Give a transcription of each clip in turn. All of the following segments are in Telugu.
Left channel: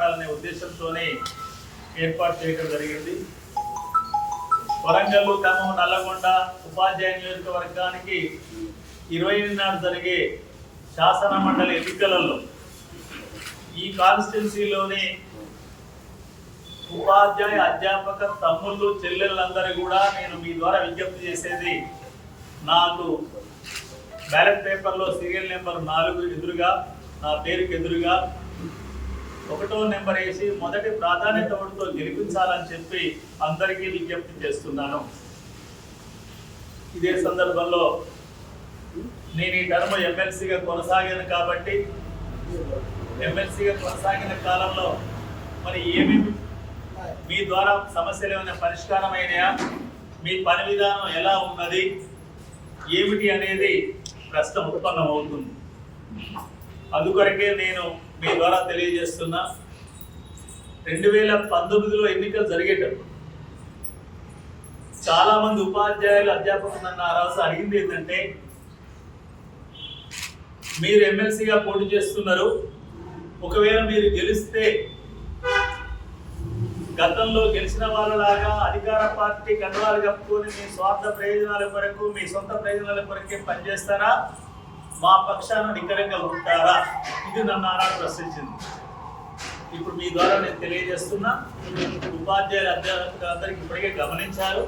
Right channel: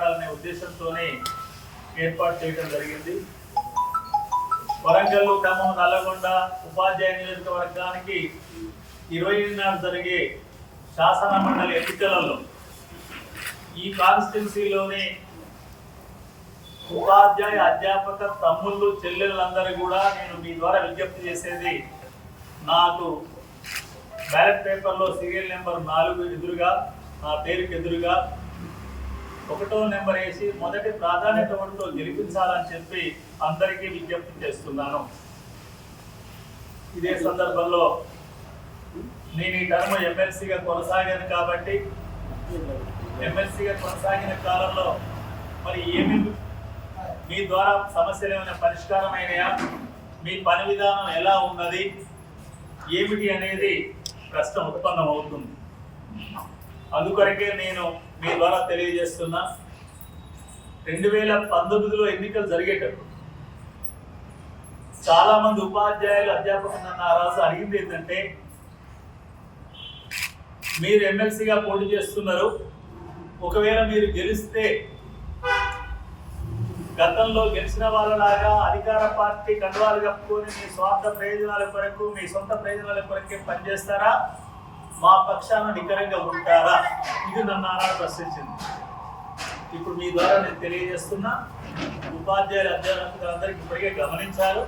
మాట్లాడాలనే ఉద్దేశంతోనే ఏర్పాటు చేయడం జరిగింది. వరంగల్ ఖమ్మం నల్లగొండ ఉపాధ్యాయ నియోజకవర్గానికి ఇరవై నాడు జరిగే శాసన మండలి ఎన్నికలలో ఈ కాన్స్టిట్యున్సీలోని ఉపాధ్యాయ అధ్యాపక తమ్ముళ్ళు చెల్లెళ్ళందరూ కూడా నేను మీ ద్వారా విజ్ఞప్తి చేసేది నాకు బ్యాలెట్ పేపర్లో సీరియల్ నెంబర్ నాలుగు ఎదురుగా నా పేరుకు ఎదురుగా ఒకటో నెంబర్ వేసి మొదటి ప్రాధాన్యత ఓటుతో గెలిపించాలని చెప్పి అందరికీ విజ్ఞప్తి చేస్తున్నాను. ఇదే సందర్భంలో నేను ఈ టర్మ్ ఎమ్మెల్సీగా కొనసాగాను కాబట్టి ఎమ్మెల్సీగా కొనసాగిన కాలంలో మరి ఏమేమి మీ ద్వారా సమస్యలు ఏమైనా పరిష్కారం మీ పని విధానం ఎలా ఉన్నది? ఏమిటి అనేది ప్రశ్న ఉత్పన్నమవుతుంది. అందుకొరకే నేను మీ ద్వారా తెలియజేస్తున్నా రెండు వేల పంతొమ్మిదిలో ఎన్నికలు జరిగేటప్పుడు చాలా మంది ఉపాధ్యాయులు అధ్యాపకులు నన్ను ఆ రోజు అడిగింది ఏంటంటే మీరు ఎమ్మెల్సీగా పోటీ చేస్తున్నారు ఒకవేళ మీరు గెలిస్తే గతంలో గెలిచిన వాళ్ళలాగా అధికార పార్టీ కండువాలు కప్పుకొని మీ స్వార్థ ప్రయోజనాల కొరకు మీ సొంత ప్రయోజనాల కొరకే పనిచేస్తారా? మా పక్షాన నికరంగా ఉంటారా? ఇది నన్ను ఆనాడు ప్రశ్నించింది. ఇప్పుడు మీ ద్వారా నేను తెలియజేస్తున్నా ఉపాధ్యాయుల అధ్యాపకులందరికీ ఇప్పటికే గమనించారు.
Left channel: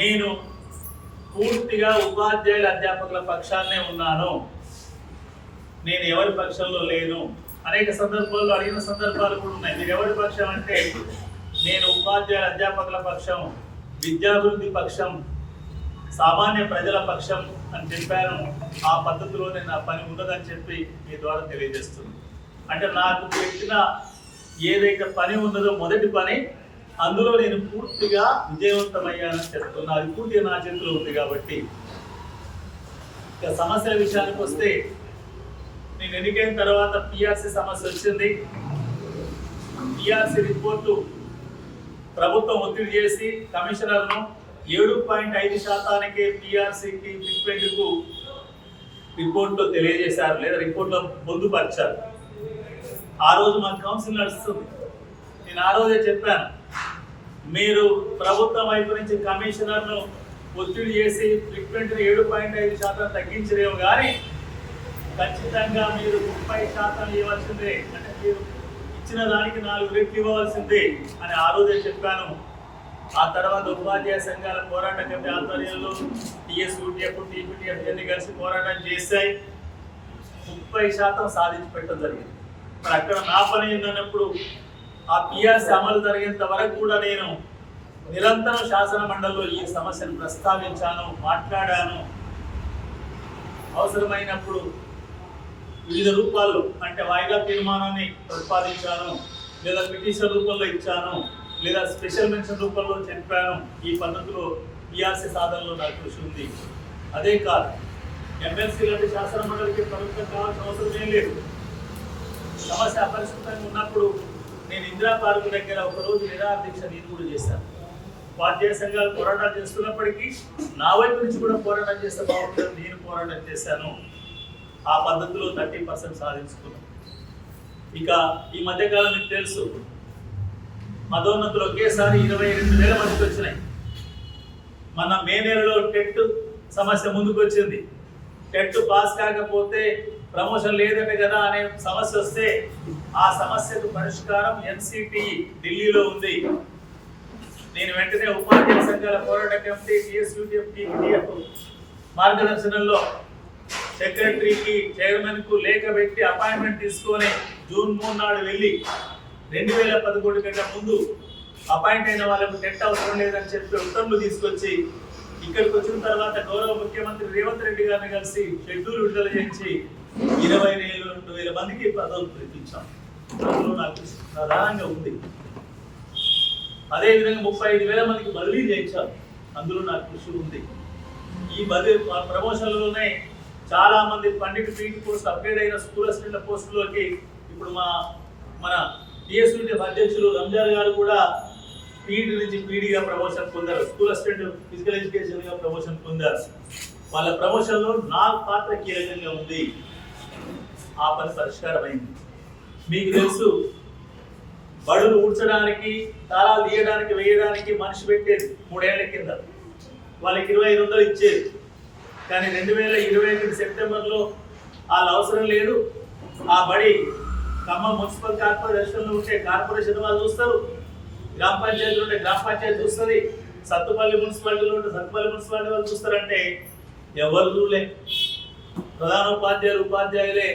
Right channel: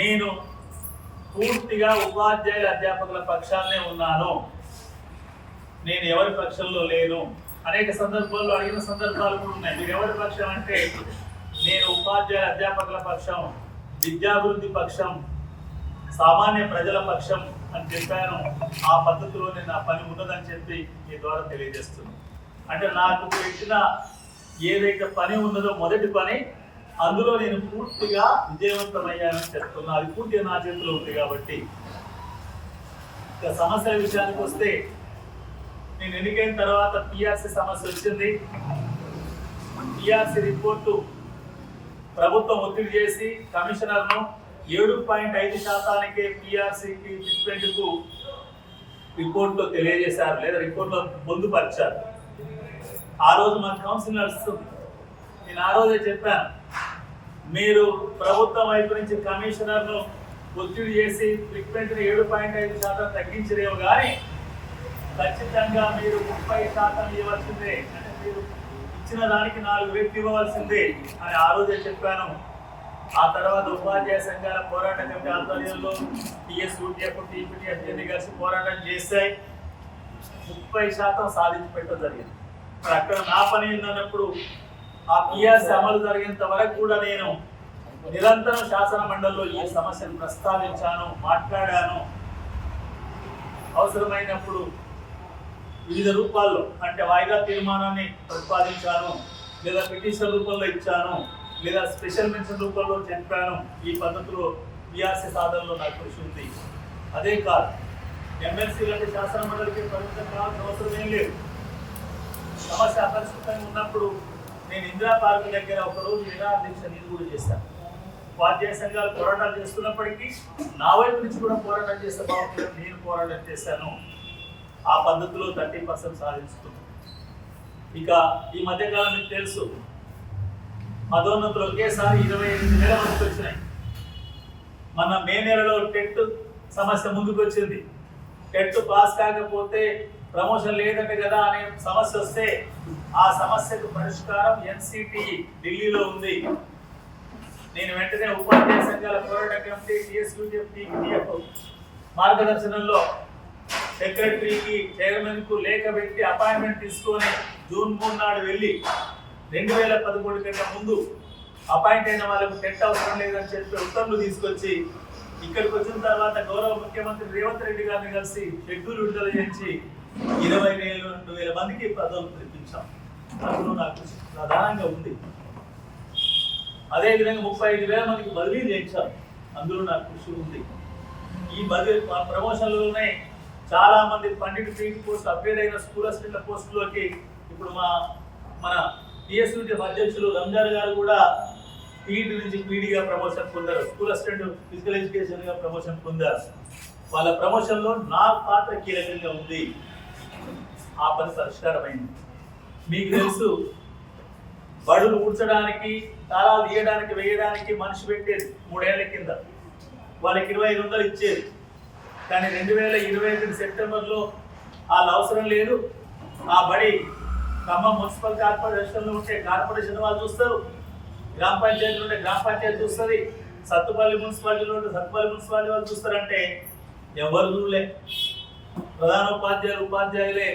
నేను పూర్తిగా ఉపాధ్యాయుల అధ్యాపకుల పక్షాన్నే ఉన్నాను. నేను ఎవరి పక్షంలో లేను? అనేక సందర్భాల్లో అడిగిన సందర్భాలు కూడా ఉన్నాయి. మీరు ఎవరి పక్షం అంటే నేను ఉపాధ్యాయుల అధ్యాపకుల పక్షం విద్యాభివృద్ధి పక్షం సామాన్య ప్రజల పక్షం అని చెప్పాను. ఆ పద్ధతిలోనే నా పని ఉన్నదని చెప్పి మీ ద్వారా తెలియజేస్తున్నాను. అంటే నాకు పెట్టిన ఏదైతే పని ఉన్నదో మొదటి పని అందులో నేను పూర్తిగా విజయవంతమయ్యానని చెప్తున్నా. అది పూర్తిగా నా చేతిలో ఉంది కాబట్టి. ఇక సమస్యల విషయానికి వస్తే నేను ఎన్నికైన తర్వాత పిఆర్సీ సమస్య వచ్చింది. పిఆర్సీ రిపోర్టు ప్రభుత్వం ఒత్తిడి చేసి కమిషనర్ను ఏడు పాయింట్ ఐదు శాతానికే పిఆర్సీకి ఫిట్మెంట్కు రిపోర్ట్లో తెలియజేశారు లేదా రిపోర్ట్లో పొందుపరిచారు. ఆ రోజు మా కౌన్సిల్ నడుస్తుంది. నేను ఆ రోజే చెప్పాను. మీరు ప్రభుత్వం వైపు నుంచి కమిషనర్ను ఒత్తిడి చేసి ఫిట్మెంట్ని ఏడు పాయింట్ ఐదు శాతం తగ్గించలేవు కానీ ఖచ్చితంగా మీరు ముప్పై శాతం ఇవ్వాల్సిందే. అంటే మీరు ఇచ్చిన దానికి నాలుగు రెట్లు ఇవ్వవలసిందే అని ఆ రోజే చెప్పాను. ఆ తర్వాత ఉపాధ్యాయ సంఘాల పోరాట కమిటీ ఆధ్వర్యంలో టిఎస్ యూటీఎఫ్ టీపీటీఎఫ్ అన్ని కలిసి పోరాటం చేశాయి. ముప్పై శాతం సాధించి పెట్టడం జరిగింది. మరి అక్కడ నా పని ఏందన్నప్పుడు ఆ పిఆర్సీ అమలు జరిగేంత వరకు కూడా నేను నిరంతరం శాసన మండలిలో ఈ సమస్యను ప్రస్తావించాను మాట్లాడాను. అవసరమైనప్పుడు వివిధ రూపాల్లో అంటే వాయిదా తీర్మానాన్ని ప్రతిపాదించాను లేదా పిటిషన్ రూపంలో ఇచ్చాను. లేదా స్పెషల్ మెన్షన్ రూపంలో చెప్పాను ఈ పద్ధతిలో పిఆర్సీ సాధనలో నాకు కృషి ఉంది. అదే కాదు ఎమ్మెల్సీ లాంటి శాసన మండలికి పరిమితం కావాల్సిన అవసరం ఏం లేదు. సమస్య అపరిష్కృతంగా ఉన్నప్పుడు నేను ఇందిరా పార్క్ దగ్గర ఒక రోజు నిరాహార దీక్ష నేను కూడా చేశాను. ఉపాధ్యాయ సంఘాలు పోరాటాలు చేస్తున్నప్పటికీ నా వైపు నుంచి కూడా పోరాటం చేస్తే బాగుంటుందని నేను పోరాటం చేశాను. ఆ పద్ధతిలో థర్టీ పర్సెంట్ సాధించుకున్నాం. ఇక ఈ మధ్యకాలం మీకు తెలుసు పదోన్నతులు ఒకేసారి ఇరవై ఎనిమిది వేల మందికి వచ్చినాయి. మన మే నెలలో టెట్ సమస్య ముందుకు వచ్చింది. టెట్ పాస్ కాకపోతే ప్రమోషన్ లేదనే కదా అనే సమస్య వస్తే ఆ సమస్యకు పరిష్కారం ఎన్సిటి ఢిల్లీలో ఉంది. నేను వెంటనే ఉపాధ్యాయ సంఘాల పోరాట కమిటీ టిఎస్యూటిఎఫ్ మార్గదర్శనంలో సెక్రటరీకి చైర్మన్కు లేఖ పెట్టి అపాయింట్మెంట్ తీసుకొని జూన్ మూడు నాడు వెళ్ళి రెండు వేల పదకొండు కంటే ముందు అపాయింట్ అయిన వాళ్ళకు టెట్ అవసరం లేదని చెప్పి ఉత్తర్వులు తీసుకొచ్చి ఇక్కడికి వచ్చిన తర్వాత గౌరవ ముఖ్యమంత్రి రేవంత్ రెడ్డి గారిని కలిసి షెడ్యూల్ విడుదల చేయించి ఇరవై వేలు రెండు వేల మందికి పదవులు తెప్పించాం. అందులో నాకు కృషి ప్రధానంగా ఉంది. అదేవిధంగా ముప్పై ఐదు వేల మందికి బదిలీ చేయించాం. అందులో నాకు కృషి ఉంది. ఈ బదిలీ ప్రమోషన్లలోనే చాలా మంది పండిట్ పీటీ పోస్ట్ అప్గ్రేడ్ అయిన స్కూల్ అసిస్టెంట్ల పోస్టులోకి ఇప్పుడు మా మన టిఎస్యూటీ అధ్యక్షులు రంజాన్ గారు కూడా పీఈటీ నుంచి పీడీగా ప్రమోషన్ పొందారు. స్కూల్ అసిస్టెంట్ ఫిజికల్ ఎడ్యుకేషన్గా ప్రమోషన్ పొందారు. వాళ్ళ ప్రమోషన్లో నా పాత్ర కీలకంగా ఉంది. ఆ పని పరిష్కారమైంది. మీకు తెలుసు బడులు ఊడ్చడానికి తాళాలు తీయడానికి వేయడానికి మనిషి పెట్టేది మూడేళ్ళ కింద. వాళ్ళకి ఇరవై ఐదు వందలు ఇచ్చేది. కానీ రెండు వేల ఇరవై ఒకటి సెప్టెంబర్లో వాళ్ళ అవసరం లేదు. ఆ బడి ఖమ్మం మున్సిపల్ కార్పొరేషన్లో ఉంటే కార్పొరేషన్ వాళ్ళు చూస్తారు. గ్రామ పంచాయతీలు ఉంటే గ్రామ పంచాయతీ చూస్తుంది. సత్తుపల్లి మున్సిపాలిటీలో ఉంటే సత్తుపల్లి మున్సిపాలిటీ వాళ్ళు చూస్తారంటే ఎవరు చూడలే ప్రధాన ఉపాధ్యాయులు ఉపాధ్యాయులే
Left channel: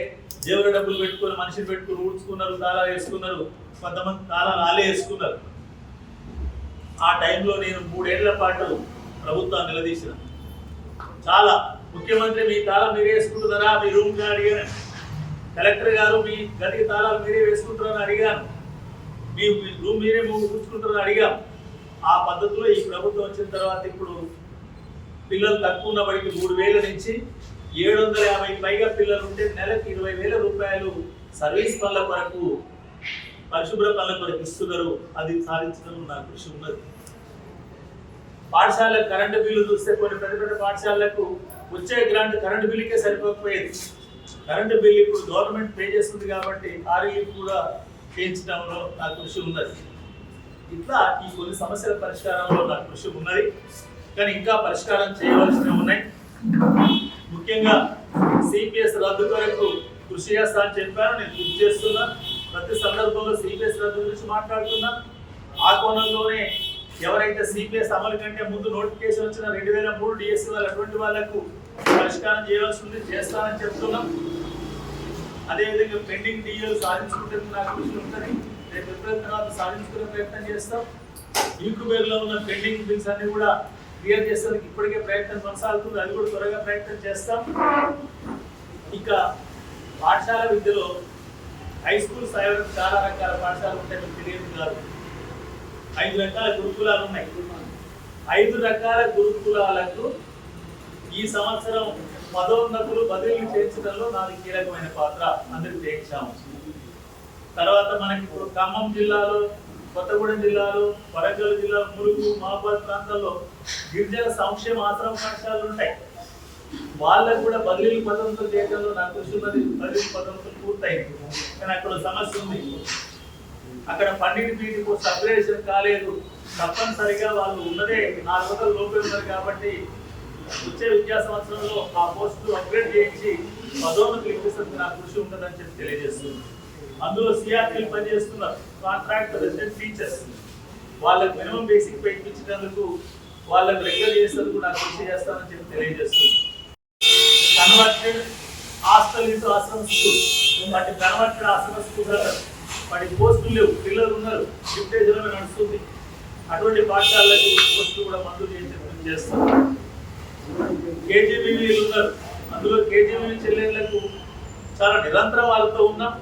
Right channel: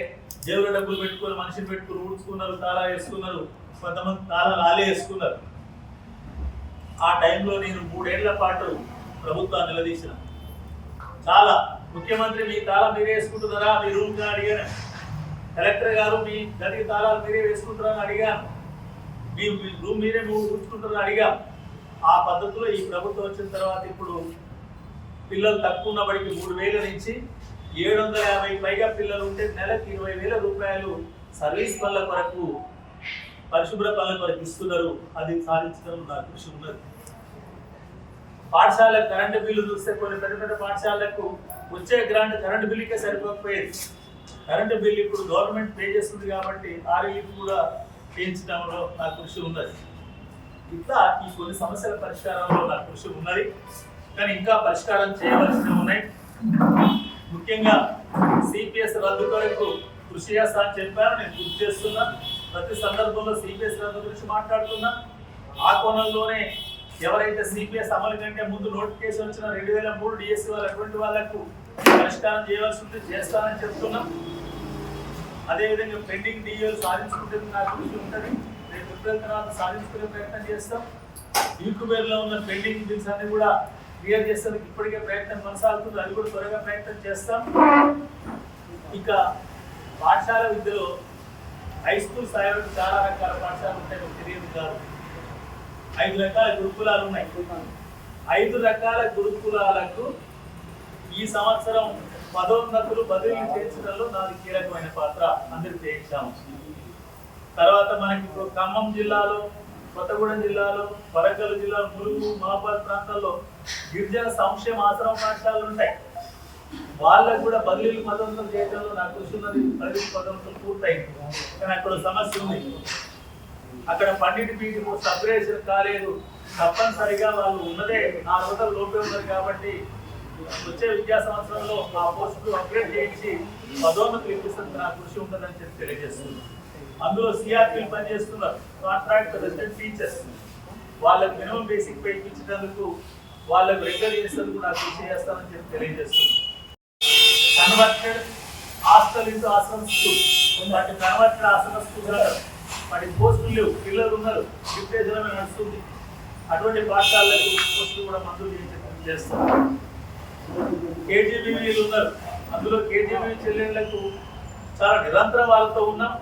జేబులో డబ్బులు పెట్టుకొని మనిషిని పెట్టుకుని ఊడ్చుకున్నారు తాళాలు వేసుకున్నారు. కొంతమంది తాళాలు ఆలే వేసుకున్నారు. ఆ టైంలో నేను మూడేళ్ళ పాటు ప్రభుత్వాన్ని నిలదీసిన. చాలా ముఖ్యమంత్రి మీ తాళం మీరే వేసుకుంటున్నారా? మీ రూమ్ అడిగాను. కలెక్టర్ గారు మీ గదికి తాళాలు మీరే వేసుకుంటారని అడిగాను. మీ మీ రూమ్ మీరే ఊడ్చుకుంటారని అడిగాం. ఆ పద్ధతిలో ఈ ప్రభుత్వం వచ్చిన తర్వాత ఇప్పుడు పిల్లలు తక్కువ ఉన్న బడికి మూడు వేల నుంచి ఏడు వందల యాభై పైగా పిల్లలు ఉంటే నెలకు ఇరవై వేల రూపాయలు సర్వీస్ పనుల కొరకు పరిశుభ్ర పనుల కొరకు ఇస్తున్నారు. అది సాధించడం నాకు కృషి ఉన్నది. పాఠశాల కరెంటు బిల్లు చూస్తే కొన్ని పెద్ద పెద్ద పాఠశాలలకు వచ్చే గ్రాంట్ కరెంటు బిల్లుకే సరిపోకపోయేది. కరెంటు బిల్ ఇప్పుడు గవర్నమెంట్ పే చేస్తుంది కాబట్టి ఆ రిలీఫ్ కూడా చేయించడంలో నా కృషి ఉన్నది. ఇట్లా ఈ కొన్ని సమస్యల పరిష్కారంలో నా కృషి ఉన్నది. కానీ ఇంకా పరిష్కారం చేయవలసినవి ఉన్నాయి. ముఖ్యంగా సిపిఎస్ రద్దు కొరకు కృషి చేస్తా అని చెప్పాను నేను కృషి చేస్తున్నా. ప్రతి సందర్భంలో సిపిఎస్ రద్దు గురించి మాట్లాడుతున్నా. ఆ కోణంలోనే ఎవరైతే సిపిఎస్ అమలు కంటే ముందు నోటిఫికేషన్ వచ్చిన రెండు వేల మూడు డిఎస్సి వాళ్ళు అటువంటి వాళ్ళకు పరిష్కారం చేయవలసి ఉంది చేస్తానని చెప్తున్నాం. అదేవిధంగా పెండింగ్ డిఎల్ సాధించుకుంటే నాకు కృషి ఉంటుంది. రేపు ఏప్రిల్ తర్వాత సాధించుకునే ప్రయత్నం చేస్తాం. లో ఉన్న పెండింగ్ బిల్స్ అన్ని కూడా క్లియర్ చేసేందుకు ఇప్పటికే ప్రయత్నం కొనసాగుతుంది. అది కూడా త్వరగా ప్రయత్నం చేస్తాం. ఇక పాఠశాల విద్యలో హై స్కూల్ స్థాయి వరకు చాలా రకాల పాఠశాలలు ఉంటాయి మీకు తెలియదు కాదు ఐదు రకాల గురుకులాలు ఉన్నాయి. ఐదు రకాల గురుకులాలకు ఈ సంవత్సరం పదోన్నతులు బదిలీలు చేర్చడంలో నాది కీలకమైన పాత్ర అందరికి చేయించాము తర్వాత మనకి ఇప్పుడు ఖమ్మం జిల్లాలో కొత్తగూడెం జిల్లాలో వరంగల్ జిల్లాలో మురుగు మహాబాద్ ప్రాంతాల్లో గిరిజన సంక్షేమ ఆశ్రమ పాఠశాలలు ఉంటాయి. వాళ్ళకు కూడా బదిలీలు పదోన్నతులు చేయడంలో నాకు కృషి ఉన్నది. బదిలీ పదోన్నతులు పూర్తయింది. కానీ అక్కడ సమస్య ఉంది. అక్కడ పండిట్ పీజీ పోస్ట్ అప్గ్రేడేషన్ కాలేదు. తప్పనిసరిగా వాళ్ళు ఉన్నదే నాలుగు వందల లోపే ఉన్నారు కాబట్టి వచ్చే విద్యా సంవత్సరంలో ఆ పోస్టులు అప్గ్రేడ్ చేయించి పదోన్నతులు ఇప్పిస్తుంది నా కృషి ఉంటుందని చెప్పి తెలియజేస్తుంది. అందులో సిఆర్టీలు పనిచేస్తున్నారు. కాంట్రాక్ట్ రెసిడెంట్ టీచర్స్ వాళ్ళకు మినిమం బేసిక్ పే ఇప్పించినందుకు వాళ్ళకు రెగ్యులర్ చేసేందుకు నాకు కృషి చేస్తానని చెప్పి తెలియజేస్తుంది. Converted hostel into ashram school. వాటి కన్వర్టెడ్ ఆశ్రమ స్కూల్ వాటి పోస్టులు లేవు. పిల్లలు ఉన్నారు. డిప్టేషన్ నడుస్తుంది. అటువంటి పాఠశాలకు పోస్టులు కూడా మంజూరు చేసి చేస్తాం. కేజీబీవీలు ఉన్నారు. అందులో కేజీబీ చెల్లెళ్ళకు చాలా నిరంతరం వాళ్ళతో ఉన్నాం.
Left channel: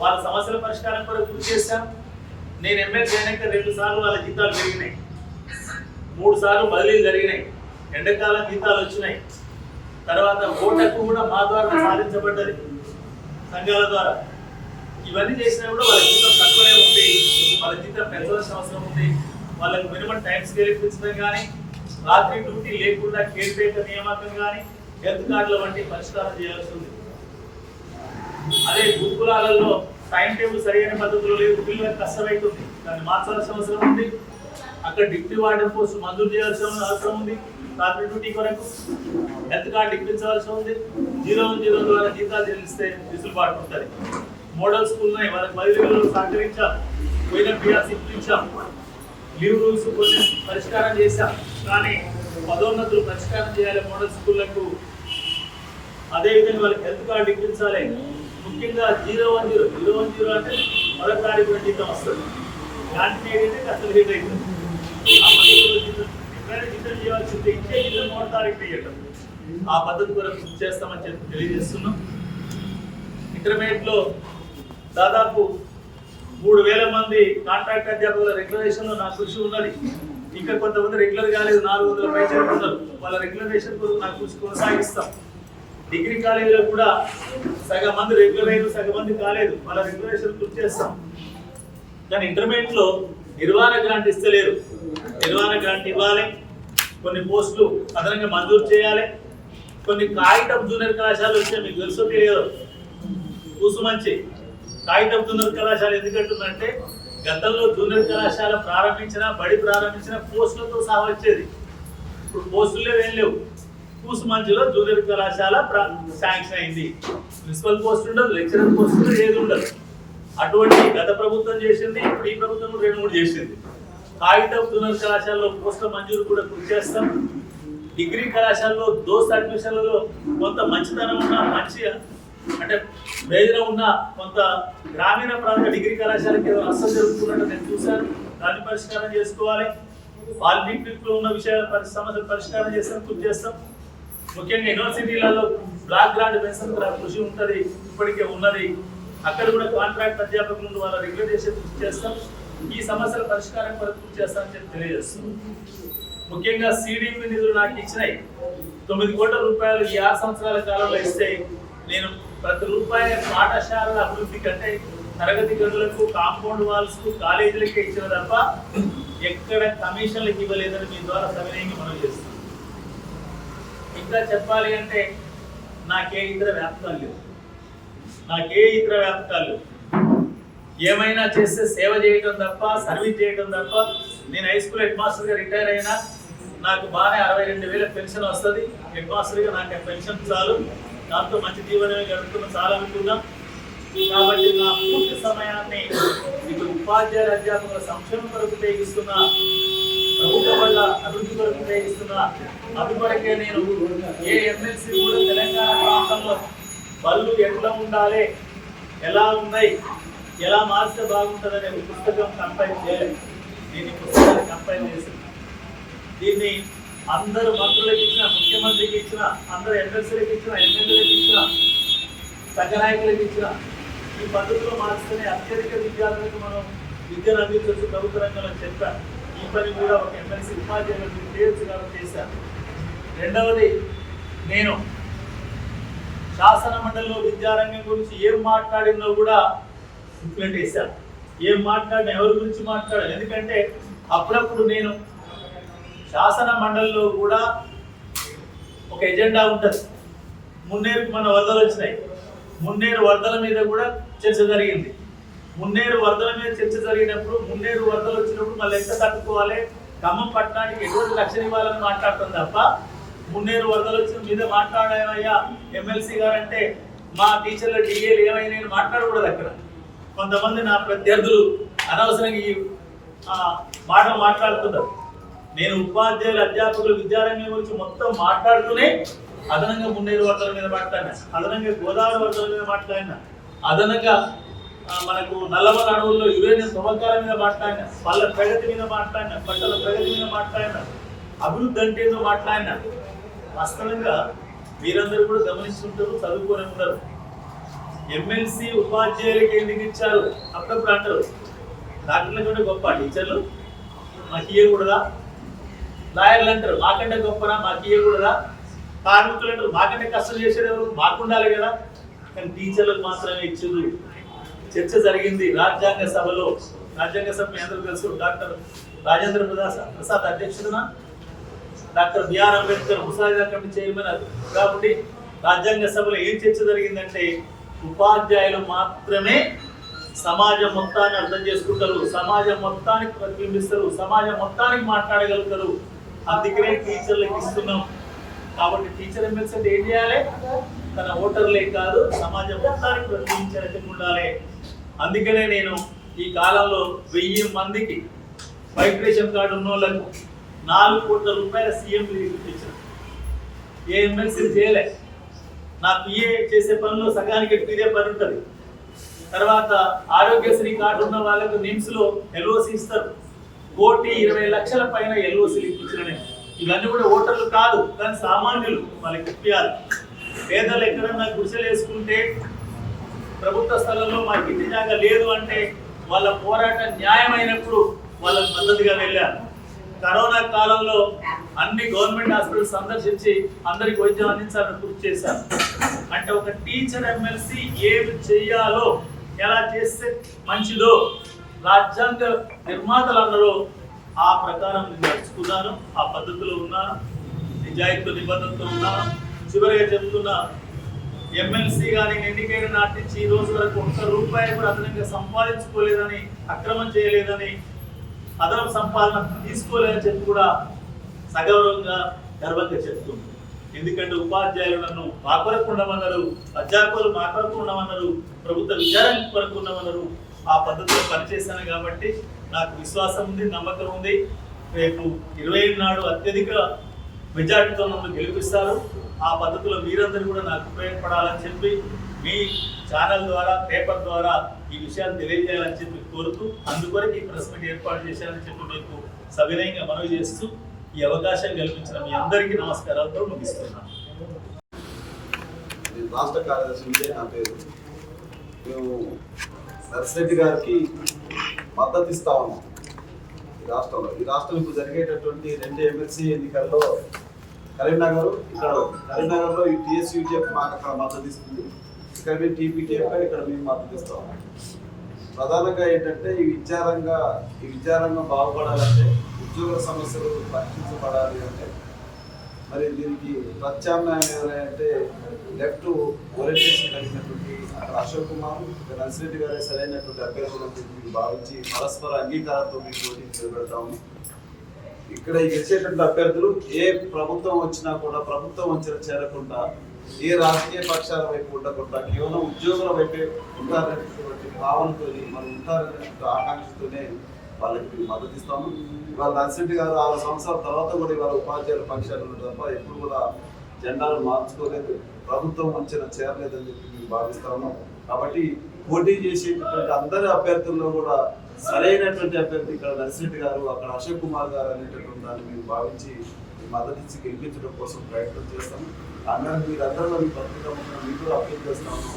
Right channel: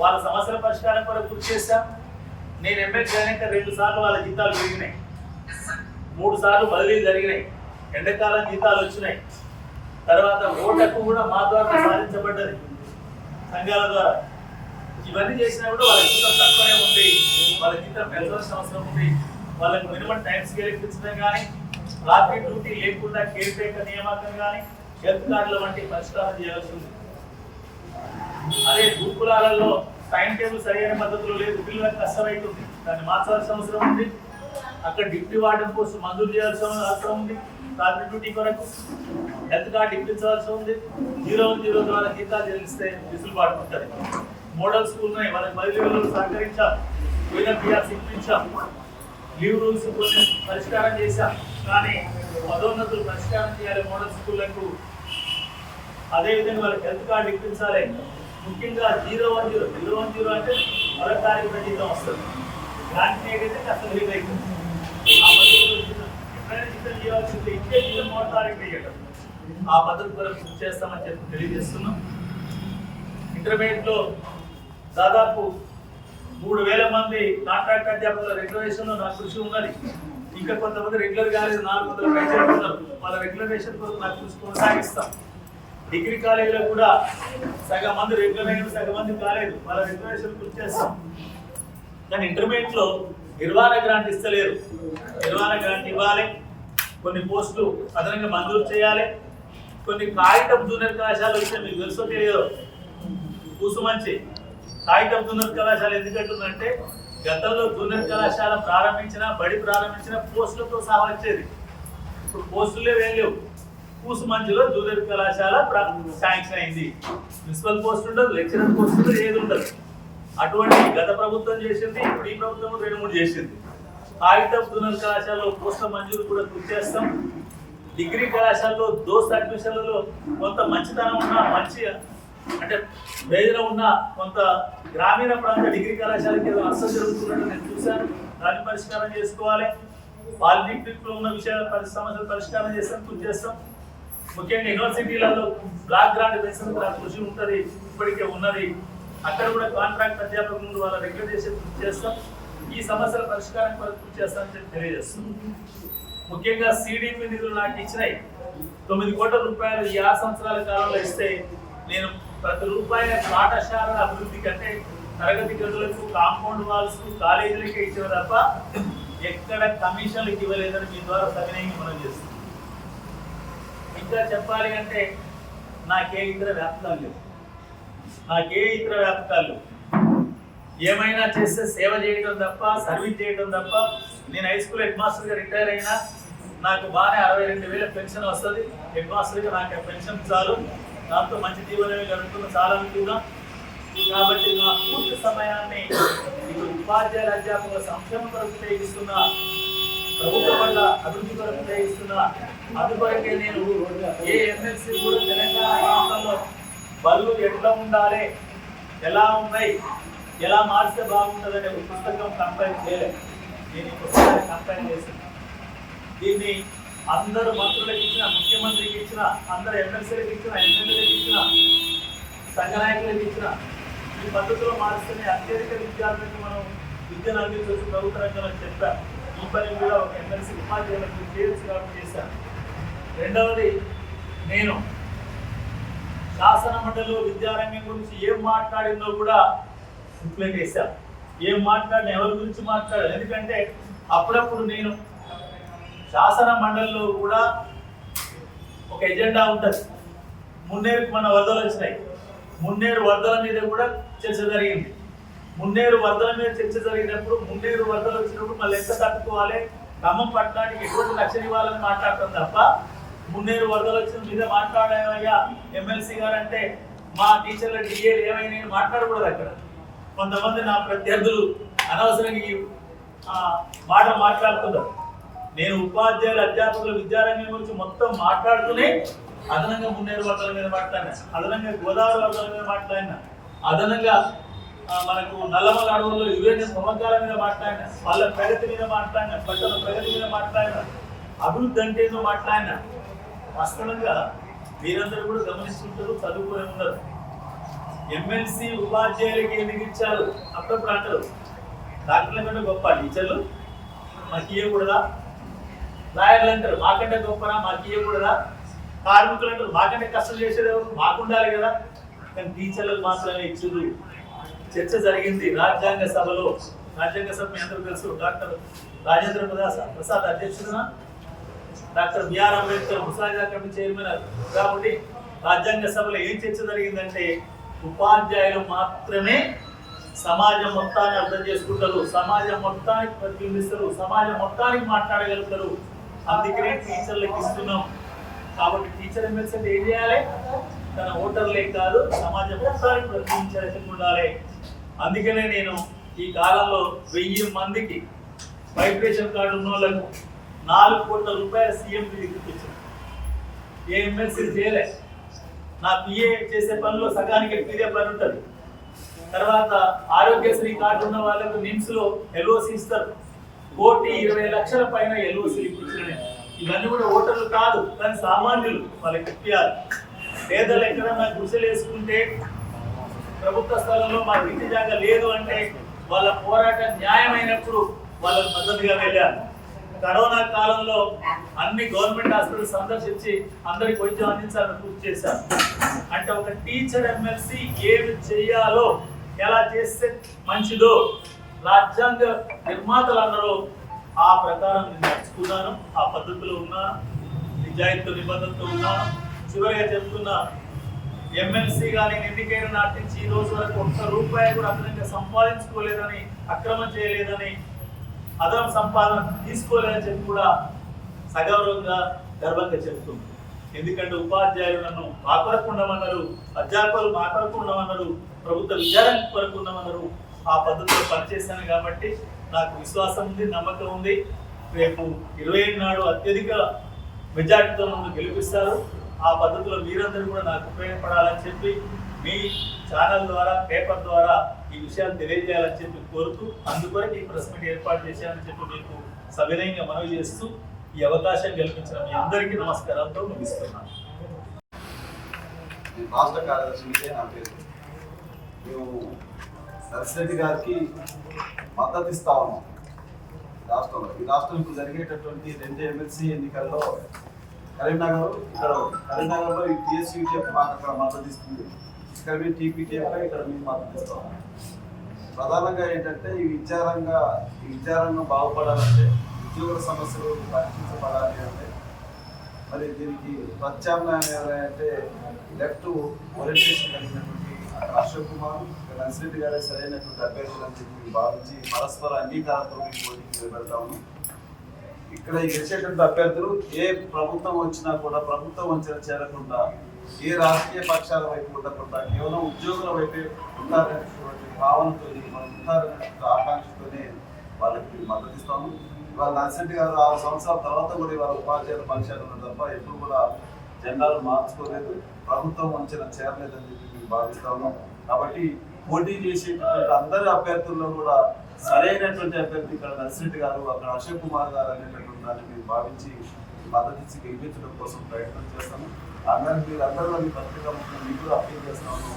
వాళ్ళ సమస్యల పరిష్కారం కొరకు కృషి చేశాం. నేను ఎమ్మెల్యే అయినాక రెండు సార్లు వాళ్ళ జీతాలు పెరిగినాయి. మూడు సార్లు బదిలీలు జరిగినాయి. ఎండాకాలం జీతాలు వచ్చినాయి. తర్వాత ఓటకు కూడా మా ద్వారా సాధించబడ్డది. సంఘాల ద్వారా. ఇవన్నీ చేసినా కూడా వాళ్ళ జీతం తక్కువనే ఉంది. వాళ్ళ జీతం పెంచవలసిన అవసరం ఉంది. వాళ్ళకి మినిమం టైం స్కేల్ ఇప్పించడం కానీ రాత్రి డ్యూటీ లేకుండా కేర్ టేకర్ నియామకం కానీ హెల్త్ కార్డుల వంటి పరిష్కారం చేయాల్సి ఉంది అదే గురుకులాలలో టైం టేబుల్ సరైన పద్ధతిలో లేదు పిల్లలకు కష్టమవుతుంది దాన్ని మార్చాల్సిన అవసరం ఉంది. అక్కడ డిప్యూటీ వార్డెన్ పోస్ట్ మంజూరు చేయాల్సిన అవసరం ఉంది. రాత్రి డ్యూటీ కొరకు హెల్త్ కార్డు ఇప్పించవలసి ఉంది. జీరో వన్ జీరో ద్వారా జీతాలు చెల్లిస్తే విసులుబాటు ఉంటుంది. మోడల్ స్కూల్ని వాళ్ళకి బదిలీలో సహకరించాం. పోయిన పిఆర్స్ ఇప్పించాం. లీవ్ రూల్స్ కొన్ని పరిష్కారం చేశాం. కానీ పదోన్నతులు పరిష్కారం చేయాలి మోడల్ స్కూళ్ళకు అదేవిధంగా వాళ్ళకి హెల్త్ కార్డు ఇప్పించాలి. ముఖ్యంగా zero one zero. Zero one zero అంటే మొదటి తారీఖున జీతం వస్తుంది. ఇలాంటి అయితే అసలు హిట్ అవుతుంది. ఆ పద్ధతిలో జీతం ఎప్పుడైనా జీతం చేయాల్సిందే ఇచ్చే జీతం మూడు తారీఖు ఇవ్వటం ఆ పద్ధతి కొరకు కృషి చేస్తామని చెప్పి తెలియజేస్తున్నాం. ఇంటర్మీడియట్లో దాదాపు మూడు వేల మంది కాంట్రాక్ట్ అధ్యాపకుల రిజర్వేషన్లో నా కృషి ఉన్నది. ఇంకా కొంతమంది రెగ్యులర్ కాలేదు నాలుగు వందల పైసలు ఉన్నారు. వాళ్ళ రెగ్యులరేషన్ కొరకు నాకు కృషి కొనసాగిస్తాం. డిగ్రీ కాలేజీలో కూడా సగం మంది రెగ్యులర్ అయ్యారు సగం మంది కాలేదు. వాళ్ళ రెగ్యులరేషన్ పూర్తి చేస్తాం. కానీ ఇంటర్మీడియట్లో నిర్వహణ గ్రాంట్ ఇస్తలేరు. నిర్వహణ గ్రాంట్ ఇవ్వాలి. కొన్ని పోస్టులు అదనంగా మంజూరు చేయాలి. కొన్ని కాగితం జూనియర్ కళాశాల విషయం మీకు తెలుసో తెలియదు? కూసుమంచి. కాగితం జూనియర్ కళాశాల ఎందుకంటుందంటే గతంలో జూనియర్ కళాశాల ప్రారంభించిన బడి ప్రారంభించిన పోస్టులతో సహా వచ్చేది. ఇప్పుడు పోస్టులు లేవు ఏం లేవు. కూసుమంచిలో జూనియర్ కళాశాల శాంక్షన్ అయింది. ప్రిన్సిపల్ పోస్ట్ ఉండదు లెక్చరర్ పోస్ట్ ఉండదు ఏది ఉండదు. అటువంటి గత ప్రభుత్వం చేసింది ఇప్పుడు ఈ ప్రభుత్వం కూడా రెండు మూడు చేసింది. కాగితం జూనియర్ కళాశాలలో పోస్టుల మంజూరు కూడా కృషి చేస్తాం. డిగ్రీ కళాశాలలో దోస్త్ అడ్మిషన్లలో కొంత మంచితనం ఉన్న మంచి అంటే ప్రయోజనం ఉన్న కొంత గ్రామీణ ప్రాంత డిగ్రీ కళాశాలకి ఏదో నష్టం జరుగుతున్నట్టు నేను చూశాను. దాన్ని పరిష్కారం చేసుకోవాలి. పాలిటెక్నిక్లో ఉన్న విషయాల పరి సమస్యలు పరిష్కారం చేస్తాను కృషి చేస్తాం. ముఖ్యంగా యూనివర్సిటీలలో బ్లాక్ గ్రాంట్ పెన్షన్ కృషి ఉంటుంది ఇప్పటికే ఉన్నది. అక్కడ కూడా కాంట్రాక్ట్ అధ్యాపకుల నుండి వాళ్ళ రెగ్యులర్ చేసే కృషి చేస్తాం. ఈ సమస్యల పరిష్కారం కొరకు కృషి చేస్తామని చెప్పి తెలియజేస్తాం ముఖ్యంగా సిడిపి నిధులు నాకు ఇచ్చినాయి. తొమ్మిది కోట్ల రూపాయలు ఈ ఆరు సంవత్సరాల కాలంలో ఇస్తే నేను ప్రతి రూపాయి పాఠశాలల అభివృద్ధి కంటే తరగతి గదులకు కాంపౌండ్ వాల్స్ కాలేజీలకే ఇచ్చిన తప్ప ఎక్కడ కమిషన్లకు ఇవ్వలేదని మీ ద్వారా సవినయంగా మనం చేస్తున్నాం. ఇంకా చెప్పాలి అంటే నాకే ఇతర వ్యాపకాలు లేవు. నాకే ఇతర వ్యాపకాలు లేవు. ఏమైనా చేస్తే సేవ చేయటం తప్ప సర్వీస్ చేయటం తప్ప నేను హై స్కూల్ హెడ్ మాస్టర్గా రిటైర్ అయినా నాకు బాగానే అరవై రెండు వేల పెన్షన్ వస్తుంది. హెడ్ మాస్టర్గా నాకు ఆ పెన్షన్ చాలు. దాంతో మంచి జీవనమే గడుపుతున్న చాలా అనుకున్నాం కాబట్టి నా పూర్తి సమయాన్ని ఇటు ఉపాధ్యాయుల అధ్యాపకుల సంక్షేమం కొరకు ఉపయోగిస్తున్న ప్రభుత్వ వల్ల అభివృద్ధి కొరకు ఉపయోగిస్తున్న అందుకొరకే నేను ఏ ఎమ్మెల్సీ కూడా తెలంగాణ ప్రాంతంలో బళ్ళు ఎట్లా ఉండాలి ఎలా ఉన్నాయి ఎలా మారిస్తే బాగుంటుందనే ఒక పుస్తకం కంపైన్ చేయలేదు. నేను ఈ పుస్తకాన్ని కంపైన్ చేశాను. దీన్ని అందరు మంత్రులకు ఇచ్చిన ముఖ్యమంత్రికి ఇచ్చిన అందరు ఎమ్మెల్సీలకు ఇచ్చిన ఎమ్మెల్యేలకు ఇచ్చిన సంఘ నాయకులకు ఇచ్చిన ఈ పద్ధతిలో మారుస్తూనే అత్యధిక విద్యార్థులకు మనం విద్యను అందించవచ్చు. ప్రభుత్వ రంగంలో చెప్పాను. ఈ పని కూడా ఒక ఎమ్మెల్సీ ఉపాధ్యాయులకు డీటెయిల్స్ కాబట్టి చేశారు. రెండవది నేను శాసన మండలిలో విద్యారంగం గురించి ఏం మాట్లాడిందో కూడా బుక్లెట్ వేశాను ఏం మాట్లాడిన ఎవరి గురించి మాట్లాడాలి? ఎందుకంటే అప్పుడప్పుడు నేను శాసన మండలిలో కూడా ఒక ఎజెండా ఉంటుంది. మున్నేరుకు మన వరదలు వచ్చినాయి. మున్నేరు వరదల మీద కూడా చర్చ జరిగింది. మున్నేరు వరదల మీద చర్చ జరిగినప్పుడు మున్నేరు వరదలు వచ్చినప్పుడు మళ్ళీ ఎంత తట్టుకోవాలి? ఖమ్మం పట్టణానికి ఎటువంటి రక్షణ ఇవ్వాలని మాట్లాడతాం తప్ప మున్నేరు వరదలు వచ్చిన మీద మాట్లాడేవయ్యా ఎమ్మెల్సీ గారు అంటే మా టీచర్ల డిఏలు ఏమైనా మాట్లాడకూడదు అక్కడ. కొంతమంది నా ప్రత్యర్థులు అనవసరంగా ఈ మాట మాట్లాడుతున్నారు నేను ఉపాధ్యాయులు అధ్యాపకులు విద్యారంగం గురించి మొత్తం మాట్లాడుతూనే అదనంగా మున్నేరు వర్గాల మీద మాట్లాడినా అదనంగా గోదావరి వర్గాల మీద మాట్లాడినా అదనంగా మనకు నల్లమల అడవుల్లో యురేనియం తవ్వకాల మీద మాట్లాడినా వాళ్ళ ప్రగతి మీద మాట్లాడినా పంటల ప్రగతి మీద మాట్లాడినా అభివృద్ధి అంటే ఏదో మాట్లాడినా వాస్తవంగా మీరందరూ కూడా గమనిస్తుంటారు చదువుకునే ఉన్నారు ఎమ్మెల్సీ ఉపాధ్యాయులకి ఎందుకు ఇచ్చారు? అప్పుడప్పుడు అంటారు. డాక్టర్ల కంటే గొప్ప టీచర్లు. మాకు ఇవ్వకూడదా లాయర్లు అంటారు మాకంటే గొప్పనా మాకు ఇవ్వకూడదా కార్మికులు అంటారు మాకంటే కష్టం చేసేది ఎవరు? మాకు ఉండాలి కదా. కానీ టీచర్లకు మాత్రమే ఇచ్చారు చర్చ జరిగింది రాజ్యాంగ సభలో. రాజ్యాంగ సభ మీ అందరూ తెలుసు డాక్టర్ రాజేంద్ర ప్రసాద్ ప్రసాద్ అధ్యక్షుడున? డాక్టర్ బిఆర్ అంబేద్కర్ ముసాజా కమిటీ చైర్మన్ కాబట్టి రాజ్యాంగ సభలో ఏం చర్చ జరిగిందంటే ఉపాధ్యాయులు మాత్రమే సమాజం మొత్తాన్ని అర్థం చేసుకుంటారు సమాజం మొత్తానికి ప్రతిబింబిస్తారు సమాజం మొత్తానికి మాట్లాడగలుగుతారు. అందుకనే టీచర్లకు ఇస్తున్నాం. కాబట్టి టీచర్ ఎమ్మెల్సీ ఏం చేయాలి? తన ఓటర్లే కాదు సమాజం మొత్తానికి ప్రతిబింబించే ఉండాలి అందుకనే నేను ఈ కాలంలో వెయ్యి మందికి వైట్ రేషన్ కార్డు ఉన్న వాళ్ళకు నాలుగు కోట్ల రూపాయల సీఎం ఇచ్చిన. ఏ ఎమ్మెల్సీ చేయలే. నా పిఏ చేసే పనిలో సగానికి ఫీరే పని ఉంటుంది. తర్వాత ఆరోగ్యశ్రీ కార్డు ఉన్న వాళ్ళకు నిమ్స్లో ఎల్ఓసి ఇస్తారు. కోటి ఇరవై లక్షల పైన ఎల్ఓసీలు ఇచ్చిన ఇవన్నీ కూడా ఓటర్లు కాదు కానీ సామాన్యులు వాళ్ళకి ఇప్పించాలి పేదలు ఎక్కడన్నా గుడిసెలు వేసుకుంటే ప్రభుత్వ స్థలంలో మాకు ఇంటి జాగా లేదు అంటే వాళ్ళ పోరాటం న్యాయమైనప్పుడు వాళ్ళకు మద్దతుగా వెళ్ళారు కరోనా కాలంలో అన్ని గవర్నమెంట్ హాస్పిటల్ సందర్శించి అందరికి వైద్యం అందించాలని కృషి చేశారు అంటే ఒక టీచర్ ఎమ్మెల్సీ ఏమి చేయాలో ఎలా చేస్తే మంచిదో రాజ్యాంగ నిర్మాతలు అన్నారు ఆ ప్రకారం నేను నడుచుకున్నాను ఆ పద్ధతిలో ఉన్నాను నిజాయితీ నిబద్ధతతో ఉన్నాను. చివరిగా చెప్తున్నా ఎమ్మెల్సీ కానీ ఎన్నికైన నాటి నుంచి ఈ రోజు వరకు ఒక్క రూపాయి కూడా అదనంగా సంపాదించుకోలేదని అక్రమం చేయలేదని అదనం సంపాదన తీసుకోలేదని చెప్పి కూడా సగౌరవంగా గర్వంగా చెప్తున్నాను ఎందుకంటే ఉపాధ్యాయులు నన్ను మా కొరకు ఉండమన్నారు అధ్యాపకులు మా కొరకు ఉండమన్నారు ప్రభుత్వ విచారణ కొరకు ఉండమన్నారు ఆ పద్ధతిలో పనిచేశాను కాబట్టి నాకు విశ్వాసం ఉంది నమ్మకం ఉంది. రేపు ఇరవై నాడు అత్యధిక మెజార్టీతో నన్ను గెలిపిస్తారు. ఆ పద్ధతిలో మీరందరూ కూడా నాకు ఉపయోగపడాలని చెప్పి మీ ఛానల్ ద్వారా పేపర్ ద్వారా ఈ విషయాలు తెలియజేయాలని చెప్పి కోరుతూ అందుకొరకు ఈ ప్రెస్ మీట్ ఏర్పాటు చేశారని చెప్పి మీకు సవినయంగా మనవి చేస్తూ ఈ అవకాశం కల్పించిన మీ అందరికీ నమస్కారాలతో ముగిస్తున్నాను రాష్ట్ర కార్యదర్శి నా పేరు. మేము నర్సిరెడ్డి గారికి మద్దతు ఇస్తా ఉన్నాం ఈ రాష్ట్రంలో. ఈ రాష్ట్రం ఇప్పుడు జరిగేటటువంటి రెండు ఎమ్మెల్సీ ఎన్నికల్లో కరీంనగర్ ఇక్కడ కరీంనగర్లో ఈ టీఎస్యూటీఎఫ్ మాకు అక్కడ మద్దతు ఇస్తుంది ఇక్కడ మేము టీపీటీఎఫ్ ఇక్కడ మేము మద్దతు ఇస్తాం ప్రధానంగా ఏంటంటే ఈ విద్యారంగా ఈ విద్యారంగం బాగుపడాలంటే ఉద్యోగుల సమస్యలు పరిష్కరించబడాలి అంటే మరి దీనికి ప్రత్యామ్నాయం ఏమైనా అంటే లెఫ్ట్ ఓరియంటేషన్ కలిగినటువంటి అశోక్ కుమార్ ఇక్కడ నర్సిరెడ్డి గారే సరైనటువంటి అభ్యర్థులని చెప్పి మేము భావించి పరస్పర అంగీకారంతో మేము పోటీకి నిలబెడతాము ఇక్కడ గెలిచేటువంటి అభ్యర్థులు ఏ ప్రభుత్వం వచ్చినా కూడా ప్రభుత్వం వచ్చిన చేరకుండా ఏ రాజకీయ పక్షాల వైపు ఉండకుండా కేవలం ఉద్యోగుల వైపే ఉంటారనేటువంటి భావనతో మనం ఉంటారనేటువంటి ఆకాంక్షతోనే వాళ్ళకి మద్దతు ఇస్తాము. ఇవాళ నర్సిరెడ్డి గారు ఆరు సంవత్సరాల తర్వాత కూడా ఇవాళ ఉపాధ్యాయుల పక్షాలు ఉన్నారు తప్ప ఎప్పుడు కూడా జెండాలు మార్చుకోలేదు ప్రభుత్వం వంచన చేరలేదని చెప్పి మేము భావిస్తాము కాబట్టి పోటీ చేసేటటువంటి అందరి అభ్యర్థుల్లో కూడా సరైనటువంటి అభ్యర్థి ఇక్కడ నర్సిరెడ్డి గారు అక్కడ అశోక్ కుమార్ గారు అనేటటువంటి దాన్ని మేము భావించి మద్దతు ఇచ్చి గెలిపించడం కోసం ప్రయత్నం చేస్తాము అందరూ మీరు మీరందరూ మీ పత్రికా ముఖ్యంగా మీకు అప్పీల్ చేస్తాను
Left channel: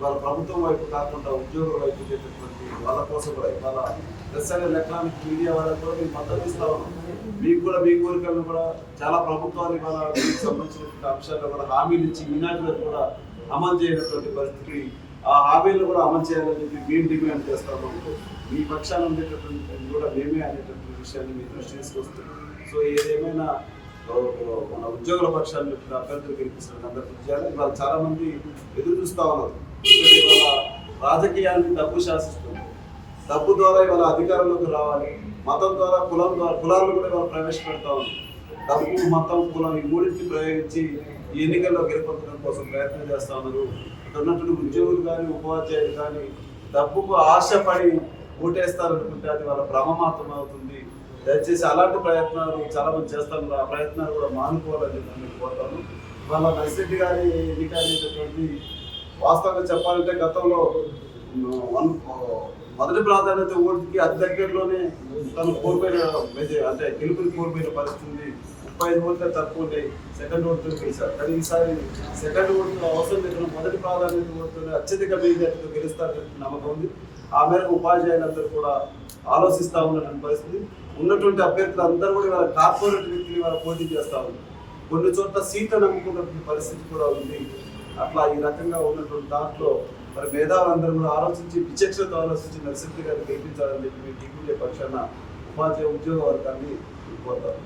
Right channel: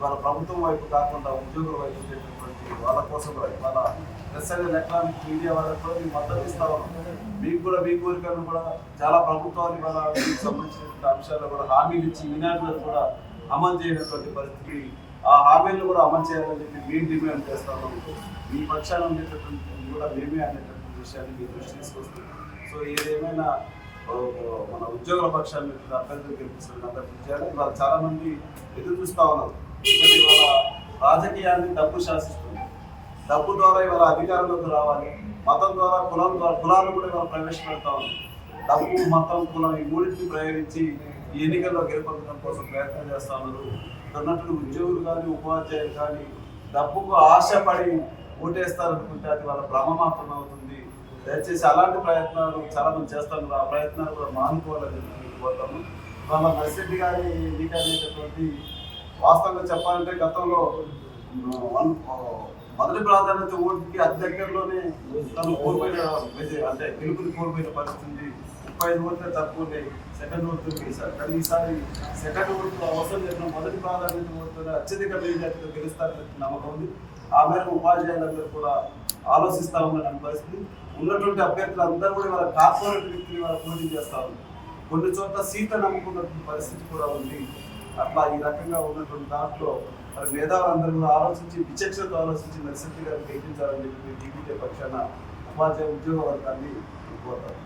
వాళ్ళ ప్రభుత్వం వైపు కాకుండా ఉద్యోగుల వైపు ఉండేటటువంటి వాళ్ళ కోసం కూడా ఇవాళ ప్రెస్ అండ్ ఎలక్ట్రానిక్ మీడియా వాళ్ళకు కూడా మేము మద్దతు ఇస్తా ఉన్నాం. మీకు కూడా మీ కోరికలను కూడా చాలా ప్రభుత్వాలు ఇవాళ మీకు సంబంధించినటువంటి అంశాల్లో కూడా హామీలు ఇచ్చి ఈనాటి వరకు కూడా అమలు చేయనటువంటి పరిస్థితి ఆ హామీలను కూడా అమలు చేయాలని చెప్పి మేము డిమాండ్ చేస్తా ఉన్నాం. మీ పక్షాన ఉండేటటువంటి కూడా మేమే అనేటటువంటి విషయాన్ని మీ దృష్టి తీసుకొస్తున్నాం. సో ఏదేమైనా మన ఉద్యోగుల పక్షాన్ని అభ్యర్థులు గెలిపిస్తారు అందరూ కృషి చేయాలి. ఇవాళ చాలా మంది ఎదురు చూస్తూ ఉన్నారు. ఎందుకంటే ఇవాళ రాజకీయాన్ని డబ్బు శాసిస్తుంది. డబ్బు ద్వారా ఇవాళ అధికారంలోకి రావాలి. మతం ద్వారా కులం ద్వారా కులాలను కూడా ఇవాళ ప్రవేశపెడతా ఉంది. డబ్బు మతం కులం ఈ మూడింటిని ప్రయోగించి ఈ ఎన్నికల్లో గెలుపొందడం కోసం ప్రయత్నం చేస్తా ఉన్నారు. ఇక్కడ ఉన్నటువంటి ఉద్యోగులు కానీ ఉపాధ్యాయులు కానీ డబ్బుకు ఆశపడి ఓటేస్తారనుకుంటే అది వాళ్ళ భ్రమ మాత్రం అవుతుంది. దయచేసి అలాంటి ప్రయత్నాలు చాలా మంది చేస్తాను ఆ ప్రయత్నాలు కూడా మానుకోవాలని చెప్పి మీకు కోరుతాను. వాళ్ళ నర్సిరెడ్డి గారి ఎన్నిక అనేటటువంటి వాస్తవంగా చెప్పాలంటే గతంలో వన్ మొదటి ప్రాధాన్యత ఓటుకి అతి దగ్గరలోనే తను కోల్పోయిన అంటే గెలుపుని కోల్పోయిన పరిస్థితి ముప్పై ఐదు ఓట్లే తక్కువ సెకండ్ ఓటుతో గెలిచారు. కానీ ఈసారి సెకండ్ ఓటు అవసరం లేదు మొదటి ప్రాధాన్యత ఓటుతోనే అత్యధిక మెజార్టీతో గెలుస్తారని నమ్మకం ఉంది. ఆ మేరకు ఉపాధ్యాయులందరూ కూడా ఆలోచిస్తా ఉన్నటువంటి పరిస్థితి. ఉన్నటువంటి అభ్యర్థులు అందరూ కూడా వాళ్ళ కార్పొరేట్ వ్యక్తులు వాళ్ళ పోటీ చేస్తా ఉన్నారు. కొన్ని చోట్ల సీట్లు నమ్ముకున్నటువంటి పరిస్థితి కూడా ఉంది. అట్లా ఈ రకంగా ఉన్నటువంటి దాంట్లో మరి మేధావులందరూ కూడా ఆలోచించి విచక్షణతో ఆలోచించి నరసింహ గారికి గెలిపించాలని చెప్పి మీ టీపీటీ పక్షాన ఉపాధ్యాయ ఉద్యోగ వర్గాన్ని కోరుతారు.